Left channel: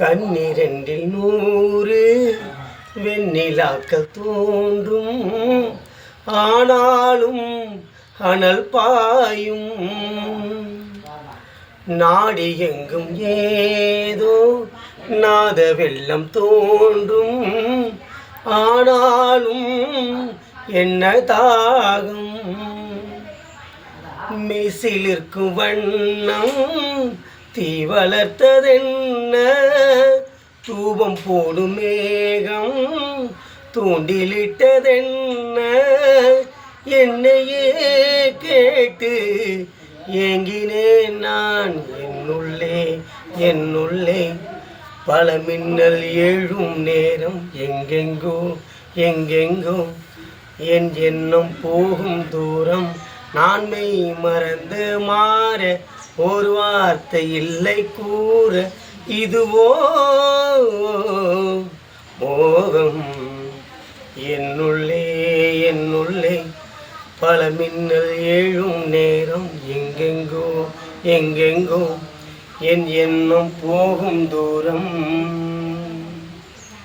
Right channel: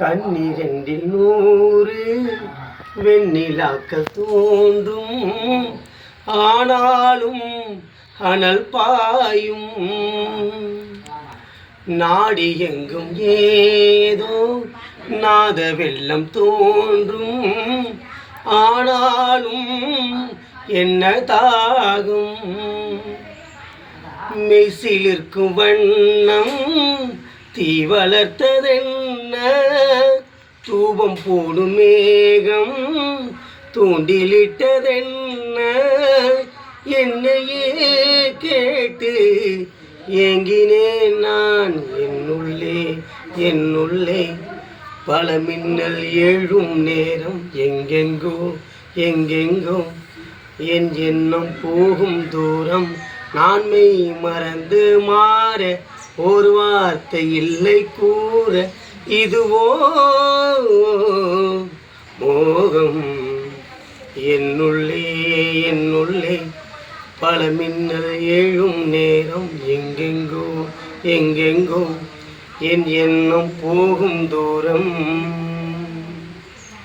கண்ணிரண்டில் 100 வெண்ணிலாக்கள் தோன்றும், ஆனாலும் அனல் பாயும். நாடி எங்கும் ஏதோ நாத வெள்ளம் தோன்றும், ஆனாலும் என்ன தாகும். மெசிலிருக்கும் வண்ணம் தீ வளர்த்ததென்ன, தூபம் போடும் மேகம் தூண்டிலிட்டதென்ன. என்னையே கேட்டு ஏங்கினேன் நான் என்னுள்ளே பல மின்னல் எழும் நேரம். எங்கெங்கோ என் எண்ணம் போகும் தூரம். நான் மெய் மறந்து மாற ஒரு வார்த்தை இல்லை கூற. இதுவோ மோகம் என்னுள்ளே பல மின்னல் எழும் நேரம். எங்கெங்கோ என் எண்ணம் போகும் தூரம்.